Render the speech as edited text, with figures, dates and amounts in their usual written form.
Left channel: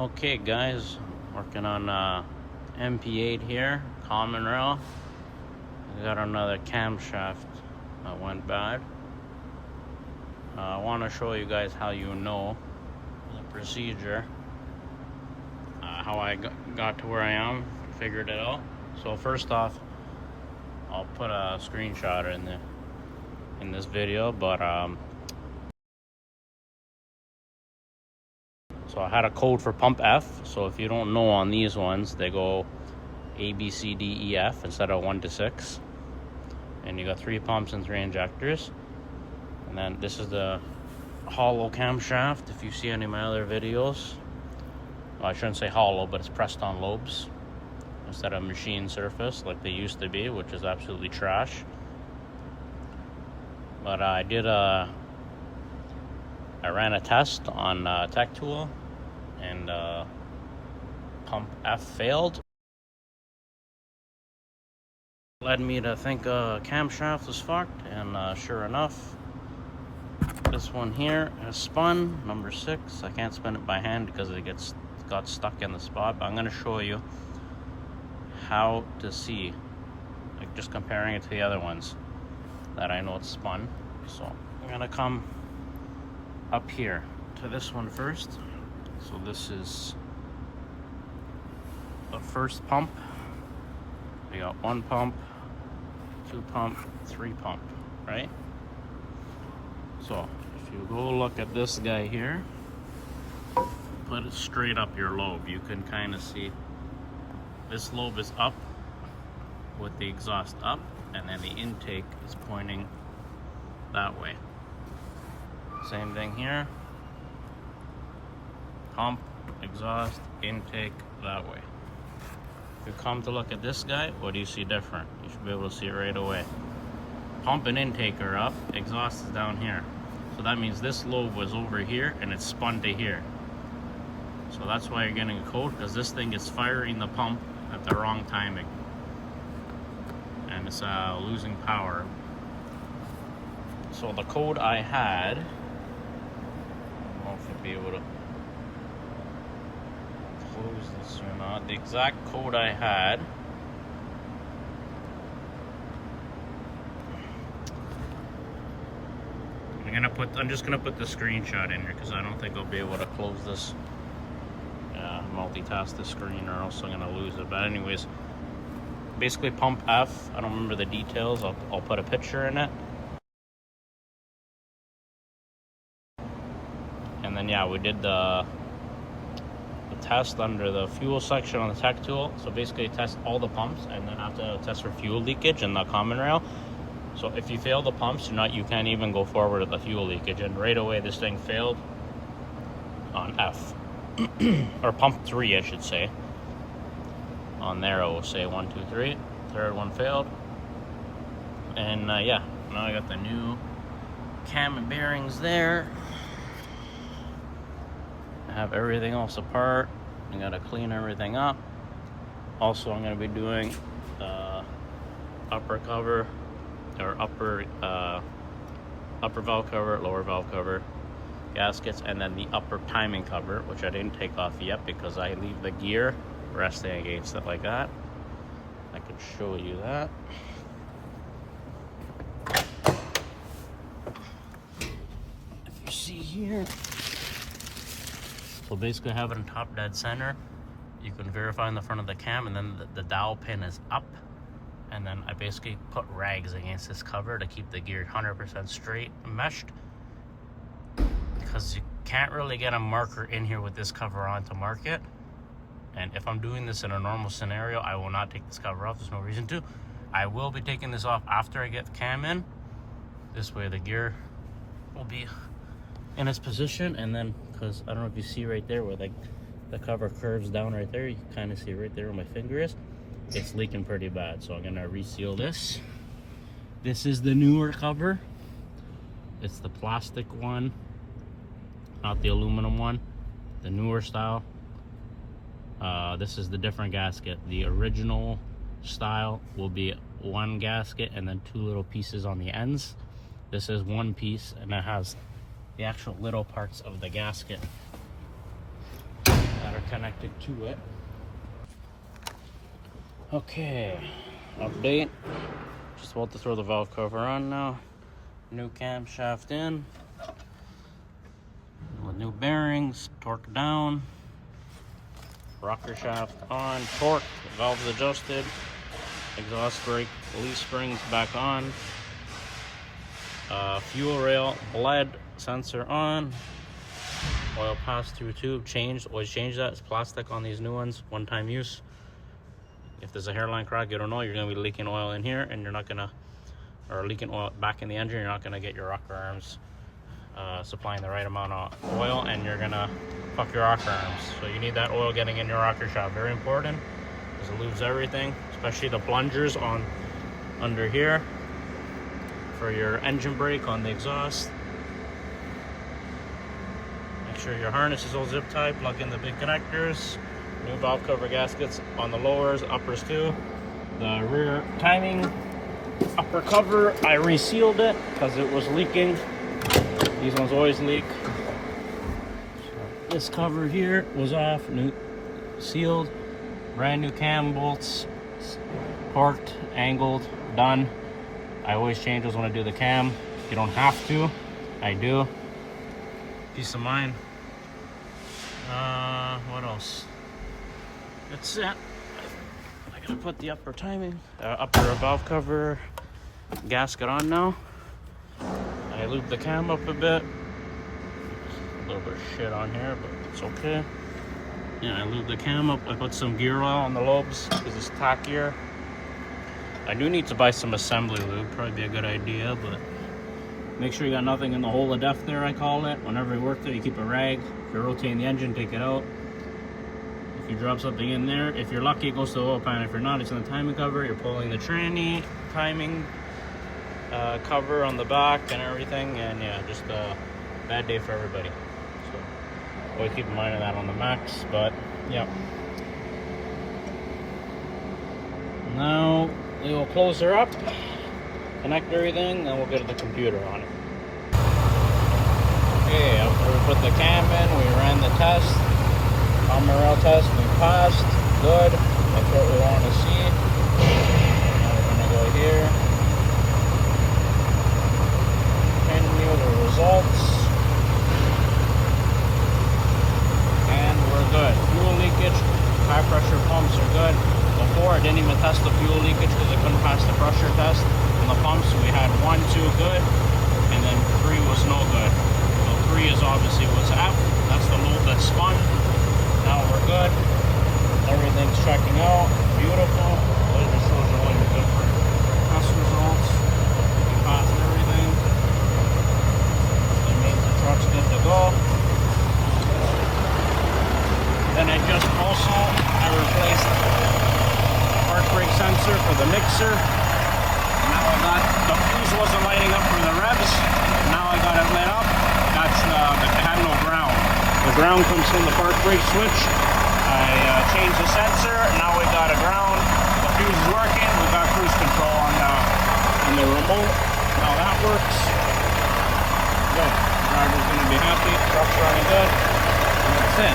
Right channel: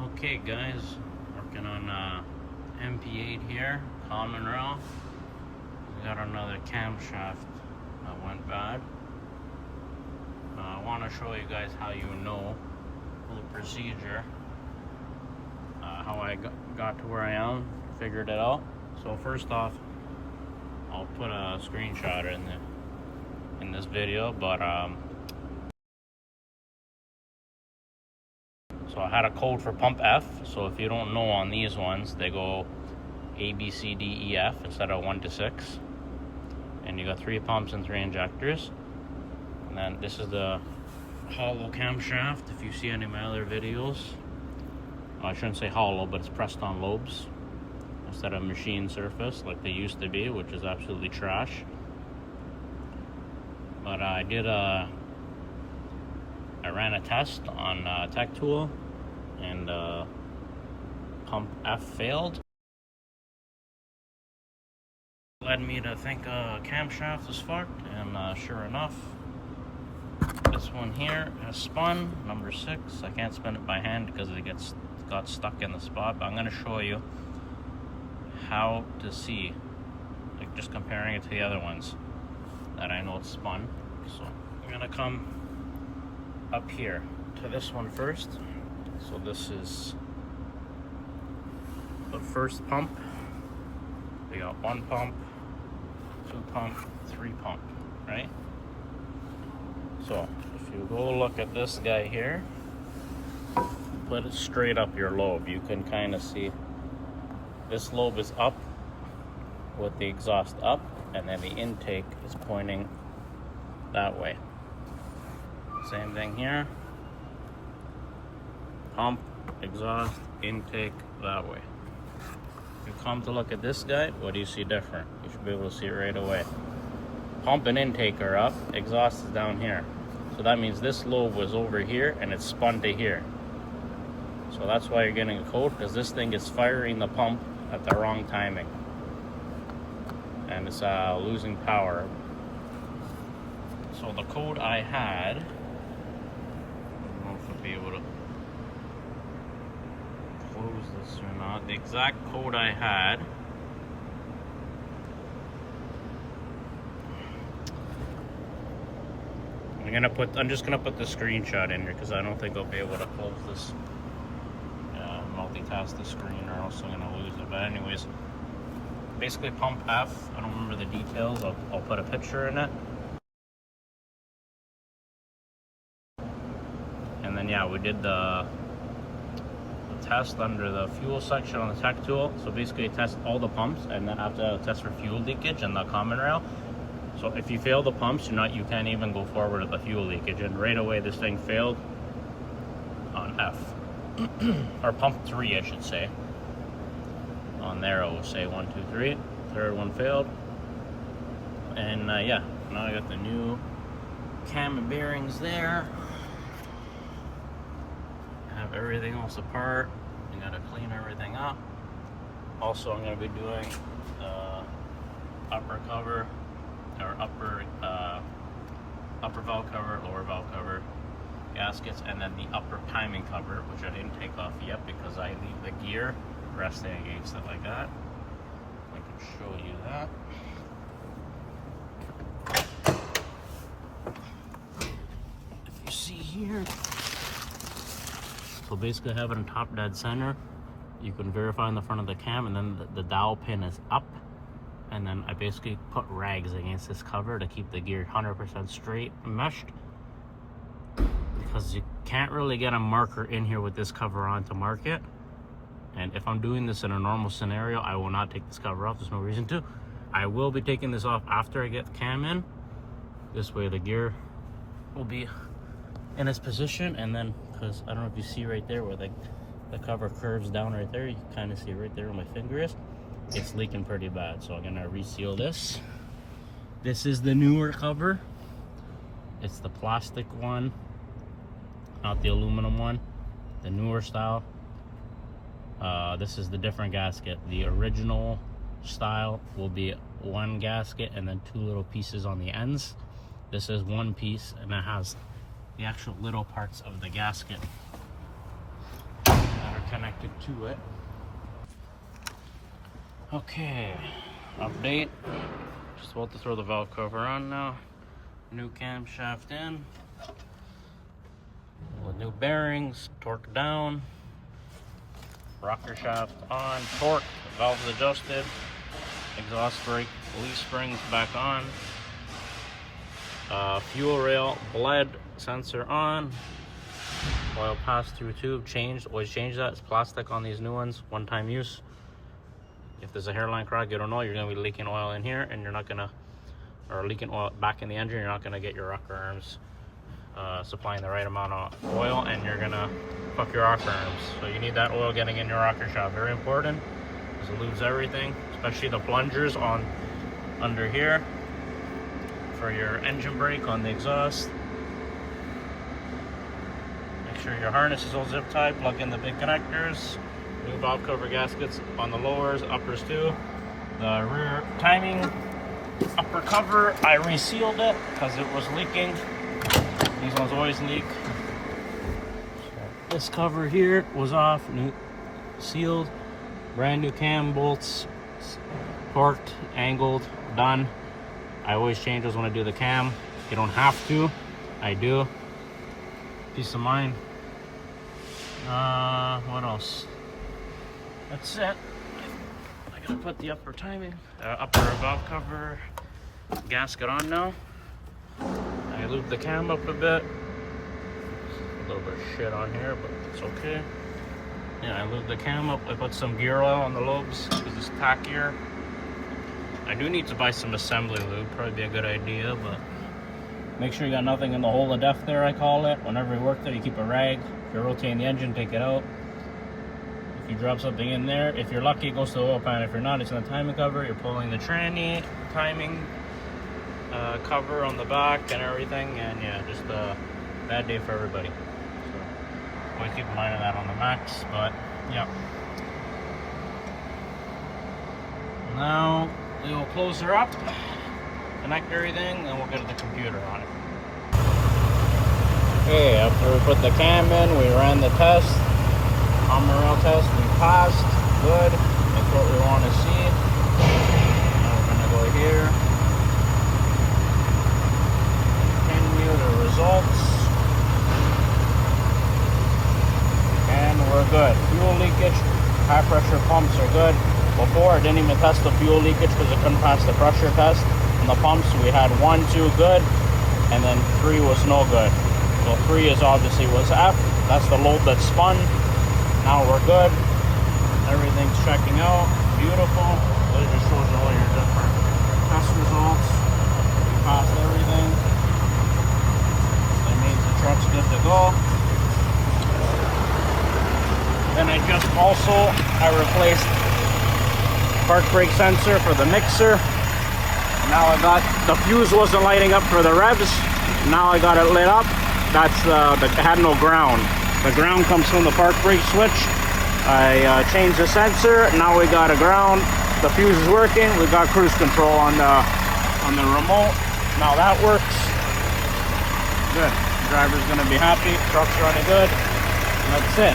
Okay guys, working on MP8 here, common rail. We got another camshaft that went bad. I want to show you guys how you know the procedure, how I got to where I am, figured it out. So first off, I'll put a screenshot in this video, but so I had a code for pump F. So if you don't know, on these ones they go A, B, C, D, E, F instead of 1 to 6, and you got 3 pumps and 3 injectors. And then this is the hollow camshaft. If you see any of my other videos, well, I shouldn't say hollow, but it's pressed on lobes instead of machine surface like they used to be, which is absolutely trash. But I ran a test on Tech Tool, and pump F failed. Led me to think camshaft was fucked, and sure enough, this one here has spun, number 6. I can't spin it by hand because it got stuck in the spot, but I'm going to show you how to see, like just comparing it to the other ones that I know it's spun. So I'm going to come up here to this one first. So this is the first pump. We got 1 pump, 2 pump, 3 pump, right? So if you go look at this guy here, put it straight up your lobe, you can kind of see this lobe is up with the exhaust up, and then the intake is pointing that way. Same thing here. Pump, exhaust, intake that way. If you come to look at this guy, what do you see different? You should be able to see it right away. Pump and intake are up, exhaust is down here. So that means this lobe was over here and it's spun to here. So that's why you're getting a code, because this thing is firing the pump at the wrong timing. And it's losing power. So the code I had, I don't know if I'll be able to close this or not. The exact code I had, I'm just gonna put the screenshot in here because I don't think I'll be able to close this, multitask the screen, or else I'm gonna lose it. But anyways, basically pump F, I don't remember the details, I'll put a picture in it. And then yeah, we did the test under the fuel section on the Tech Tool. So basically test all the pumps, and then after test for fuel leakage in the common rail. So if you fail the pumps, you can't even go forward with the fuel leakage, and right away this thing failed on F. Or pump 3 I should say. On there it will say 1, 2, 3. Third one failed. And yeah, now I got the new cam and bearings there. I have everything else apart. I gotta clean everything up. Also, I'm gonna be doing upper cover, or upper valve cover, lower valve cover, gaskets, and then the upper timing cover, which I didn't take off yet because I leave the gear resting against it like that. I can show you that. If you see here, so basically I have it in top dead center. You can verify in the front of the cam, and then the dowel pin is up. And then I basically put rags against this cover to keep the gear 100% straight meshed, because you can't really get a marker in here with this cover on to mark it. And if I'm doing this in a normal scenario, I will not take this cover off. There's no reason to. I will be taking this off after I get the cam in. This way the gear will be in its position, and then, because I don't know if you see right there where the cover curves down right there, you can kind of see right there where my finger is. It's leaking pretty bad, so I'm gonna reseal this. This is the newer cover. It's the plastic one, not the aluminum one, the newer style. This is the different gasket. The original style will be 1 gasket and then 2 little pieces on the ends. This is 1 piece, and it has the actual little parts of the gasket that are Get to it. Okay, update. Just about to throw the valve cover on now. New camshaft in. With new bearings, torque down. Rocker shaft on, torque, valves adjusted. Exhaust brake, leaf springs back on. Fuel rail bled, sensor on. Oil pass-through tube changed. Always change that. It's plastic on these new ones. One-time use. If there's a hairline crack, you don't know, you're going to be leaking oil in here, and you're not going to, or leaking oil back in the engine, you're not going to get your rocker arms supplying the right amount of oil, and you're going to fuck your rocker arms. So you need that oil getting in your rocker shaft. Very important, because it lubes everything, especially the plungers on under here for your engine brake on the exhaust. Make sure your harness is all zip tied. Plug in the big connectors. New valve cover gaskets on the lowers, uppers too. The rear timing upper cover, I resealed it because it was leaking. These ones always leak. So this cover here was off, new sealed, brand new cam bolts, torqued, angled, done. I always change those when I do the cam. You don't have to, I do. Peace of mind. What else? That's it. I gotta put the upper timing, upper valve cover gasket on now. I lubed the cam up a bit. A little bit of shit on here, but it's okay. Yeah, I lubed the cam up. I put some gear oil on the lobes because it's tackier. I do need to buy some assembly lube. Probably be a good idea, but make sure you got nothing in the hole of death there, I call it. Whenever you work there, you keep a rag. If you're rotating the engine, take it out. If you drop something in there, if you're lucky, it goes to the oil pan. If you're not, it's in the timing cover. You're pulling the tranny timing cover on the back and everything. And yeah, just a bad day for everybody. So always keep in mind of that on the Max. But yeah. Now we'll close her up, connect everything, and we'll get the computer on. Okay, after we put the cam in, we ran the test, rail test, we passed, good, that's what we want to see. Now we're going to go here, continue the results, and we're good. Fuel leakage, high pressure pumps are good. Before, I didn't even test the fuel leakage because I couldn't pass the pressure test. In the pumps, we had 1, 2 good, and then 3 was no good. So 3 is obviously was F. That's the lobe that's spun. Now we're good. Everything's checking out. Beautiful. It just shows you all your different test results. We passed everything. That means the truck's good to go. Then I just also replaced park brake sensor for the mixer. Now I got the fuse wasn't lighting up for the revs. Now I got it lit up. That's it had no ground. The ground comes from the park brake switch. I changed the sensor. Now we got a ground. The fuse is working. We got cruise control on the remote. Now that works. Good. Driver's gonna be happy. Truck's running good. And that's it.